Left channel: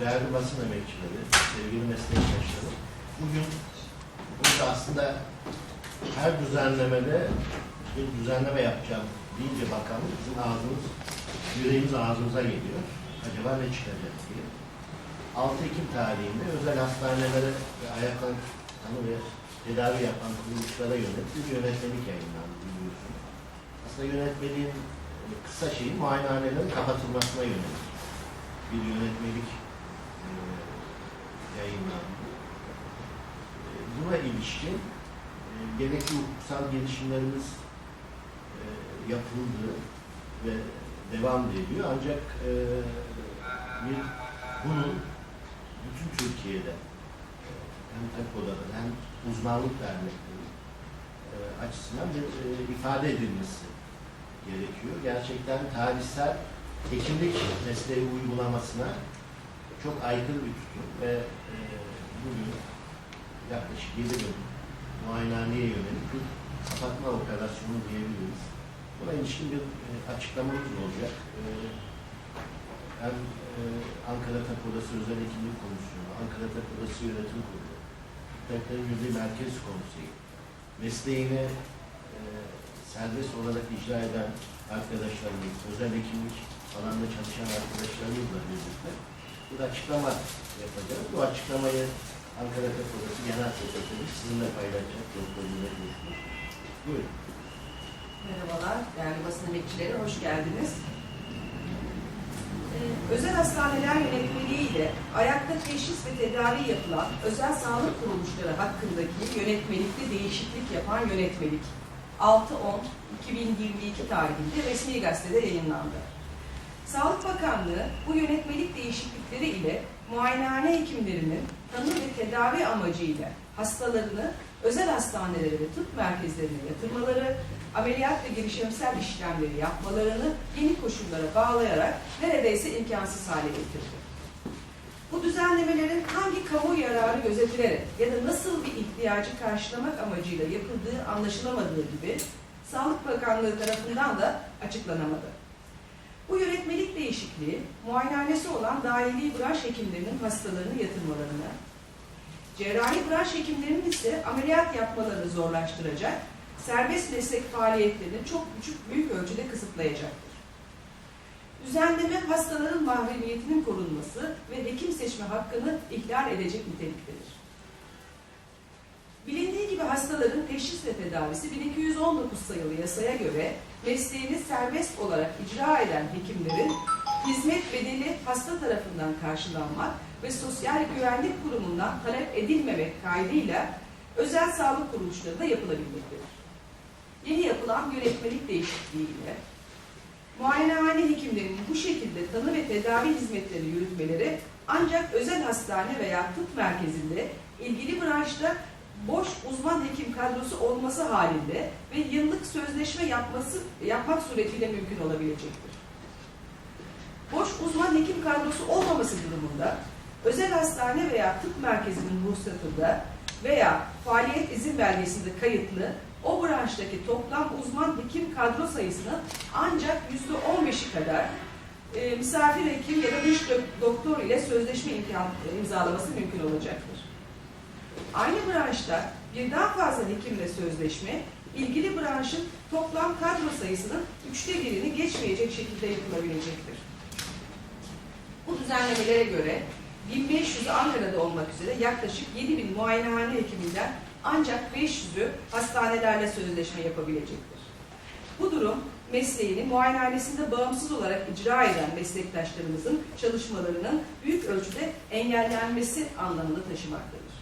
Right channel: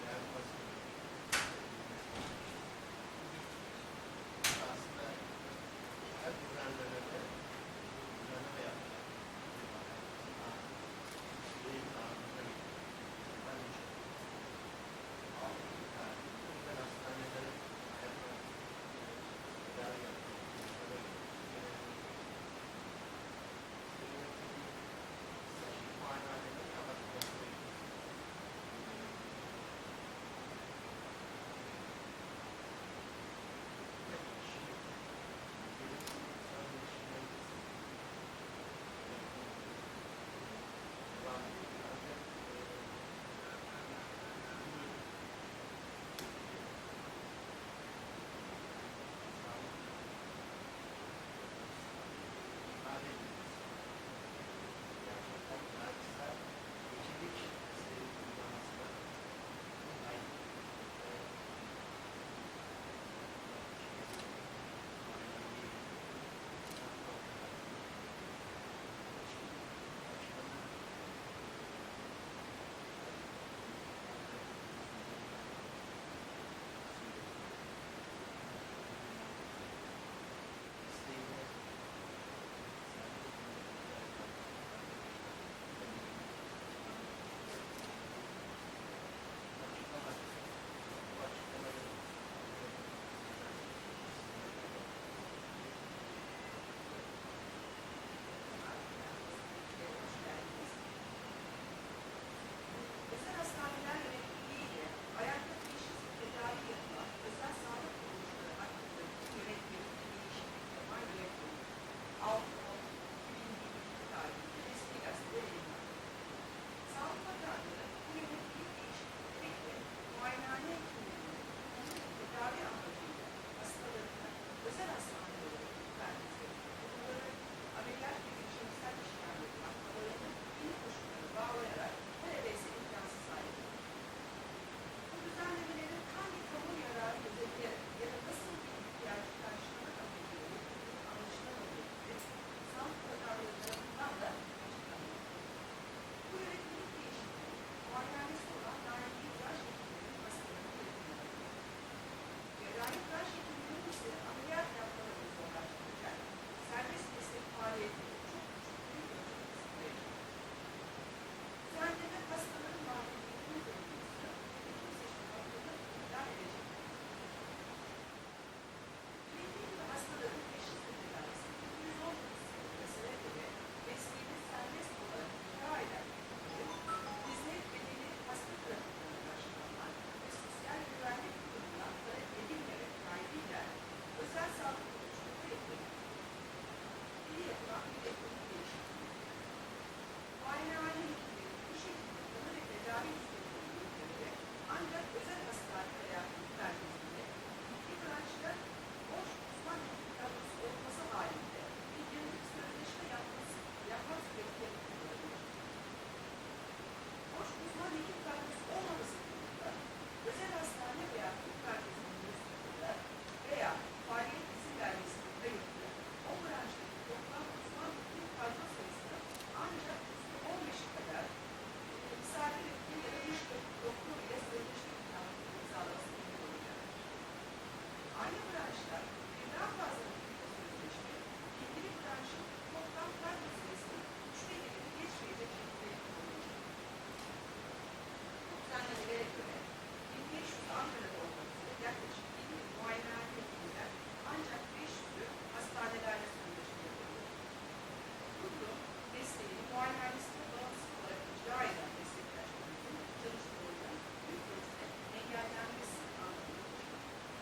değerli basın emekçileri, sevgili meslektaşları, bugün burada aslında her düzenlemede bir düzenleme yapacağım deyince bakanlık bizim ağzımız, yüreğimiz ağzımıza geliyor. Acaba ne çıkacak diye. 6 Ekim tarihinde özel hastanelere ve ayaklanma ve tedavi yapan kuruluşlara yönelik bir yönetmelik yayınlandı. Aslında yönetmeliğin hani kısa şeyi muayenehanelerin kapatılmasına yönelik bir yönetmelik e, yayınlandı. E, Buna ilişkin e, gerekli hukuksal gelişimlerimiz e, yapıldı ve devam ediyor. Ancak e, bir bunun bütün Türkiye'de e, hem TEPO'da hem uzmanlık dernekleri e, açısından bir e, ifade edilmesi gerekiyor. Gerçekten tarihsel hekimlik mesleği uygulamasına çok aykırı bir tutum ve e, yaklaşık 7 gün muayenehaneye yönelik bir kapatma operasyonu diyebiliriz. Buna ilişkin bir e, açıklamamız olacak. E, hem e, Ankara Tıp Odası Özel Hekimlik Komisyonu, Ankara Tıp Odası Yönetim Kurulu, Tıpların Milli Merkez Konseyi, mesleğini e, serbest olarak icra eden arkadaşlarımız, özel hekimlik alanda çalışan arkadaşlarımızla birlikte bir açıklama yapacağız. Bu açıklamayı Ankara Tıp Odası Genel Sekreteri sizinle paylaşacak. Doktor Mehmet Coşkun. Buyurun. Merhabalar, değerli basın emekçileri, hoş geldiniz. Ee, özel hastaneler yönetmeliği ile ayakta teşhis ve tedavi yapılan özel sağlık kuruluşları hakkındaki yönetmelikte değişiklik yapan yönetmelik 6-10-2022 tarihinde resmi gazetede yayınlandı. Sağlık Bakanlığı bu yönetmelik değişiklikleri ile muayenehane hekimlerinin tanı ve tedavi amacıyla hastalarını özel hastanelere ve tıp merkezlerine yatırmaları, ameliyat ve girişimsel işlemleri yapmalarını yeni koşullara bağlayarak neredeyse imkansız hale getirdi. Bu düzenlemelerin hangi kamu yararı gözetilerek ya da nasıl bir ihtiyacı karşılamak amacıyla yapıldığı anlaşılamadığı gibi Sağlık Bakanlığı tarafından da açıklanamadı. Değişikliği, muayenehanesi olan dahili branş hekimlerinin hastalarını yatırmalarına, cerrahi branş hekimlerinin ise ameliyat yapmalarını zorlaştıracak, serbest meslek faaliyetlerini çok küçük büyük ölçüde kısıtlayacaktır. Düzenleme hastaların mahremiyetinin korunması ve hekim seçme hakkını ihlal edecek niteliktedir. Bilindiği gibi hastaların teşhis ve tedavisi 1219 sayılı yasaya göre mesleğini serbest olarak icra eden hekimlerin hizmet bedeli hasta tarafından karşılanmak ve Sosyal Güvenlik Kurumu'ndan talep edilmemek kaydıyla özel sağlık kuruluşları da yapılabilmektedir. Yeni yapılan yönetmelik değişikliğiyle muayenehane hekimlerinin bu şekilde tanı ve tedavi hizmetleri yürütmeleri ancak özel hastane veya tıp merkezinde ilgili branşta boş uzman hekim kadrosu olması halinde ve yıllık sözleşme yapması yapmak suretiyle mümkün olabilecektir. Boş uzman hekim kadrosu olmaması durumunda özel hastane veya tıp merkezinin ruhsatında veya faaliyet izin belgesinde kayıtlı o branştaki toplam uzman hekim kadro sayısının ancak yüzde 15'i kadar e, misafir hekim ya da dış dok- doktor ile sözleşme imkan, imzalaması mümkün olacaktır. Aynı branşta birden fazla hekimle sözleşme, ilgili branşın toplam kadro sayısının üçte birini geçmeyecek şekilde yapılabilecektir. Bu düzenlemelere göre 1500'ü Ankara'da olmak üzere yaklaşık 7000 muayenehane hekiminden ancak 500'ü hastanelerle sözleşme yapabilecektir. Bu durum mesleğini muayenehanesinde bağımsız olarak icra eden meslektaşlarımızın çalışmalarının büyük ölçüde engellenmesi anlamını taşımaktadır.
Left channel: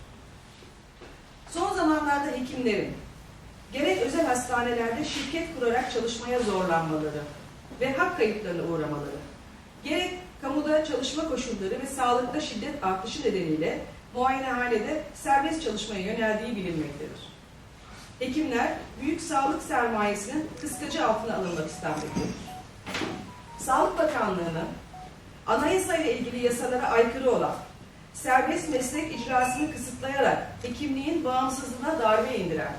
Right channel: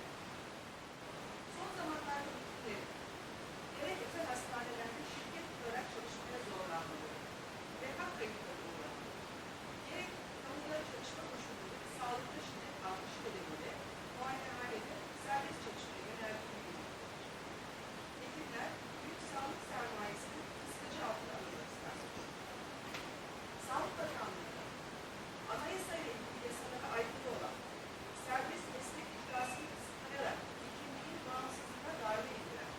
Son zamanlarda hekimlerin gerek özel hastanelerde şirket kurarak çalışmaya zorlanmaları ve hak kayıplarına uğramaları, gerek kamuda çalışma koşulları ve sağlıkta şiddet artışı nedeniyle muayenehanede serbest çalışmaya yöneldiği bilinmektedir. Hekimler büyük sağlık sermayesinin kıskacı altına alınmak istenmektedir. Sağlık Bakanlığı'nın anayasa ile ilgili yasalara aykırı olan serbest meslek icrasını kısıtlayarak hekimliğin bağımsızlığına darbe indiren,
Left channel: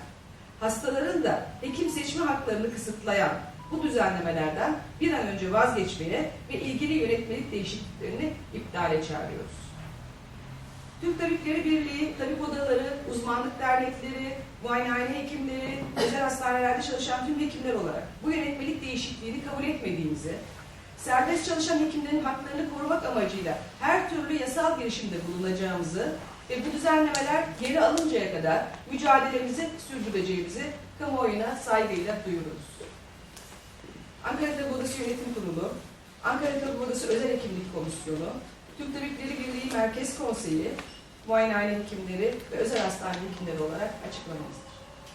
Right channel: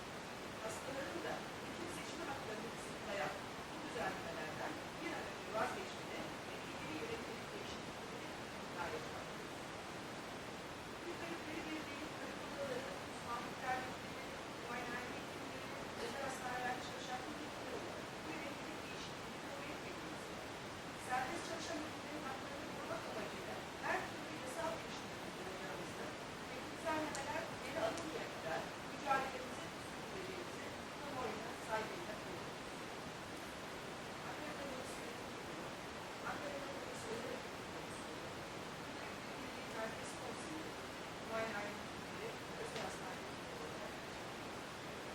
hastaların da hekim seçme haklarını kısıtlayan bu düzenlemelerden bir an önce vazgeçmeye ve ilgili yönetmelik değişikliklerini iptale çağırıyoruz. Türk Tabipleri Birliği, tabip odaları, uzmanlık dernekleri, muayenehane hekimleri, özel hastanelerde çalışan tüm hekimler olarak bu yönetmelik değişikliğini kabul etmediğimizi, serbest çalışan hekimlerin haklarını korumak amacıyla her türlü yasal girişimde bulunacağımızı ve bu düzenlemeler geri alıncaya kadar mücadelemizi sürdüreceğimizi kamuoyuna saygıyla duyururuz. Ankara Tabip Odası Yönetim Kurulu, Ankara Tabip Odası Özel Hekimlik Komisyonu, Türk Tabipleri Birliği Merkez Konseyi, muayenehane hekimleri ve özel hastane hekimleri olarak açıklamamızda.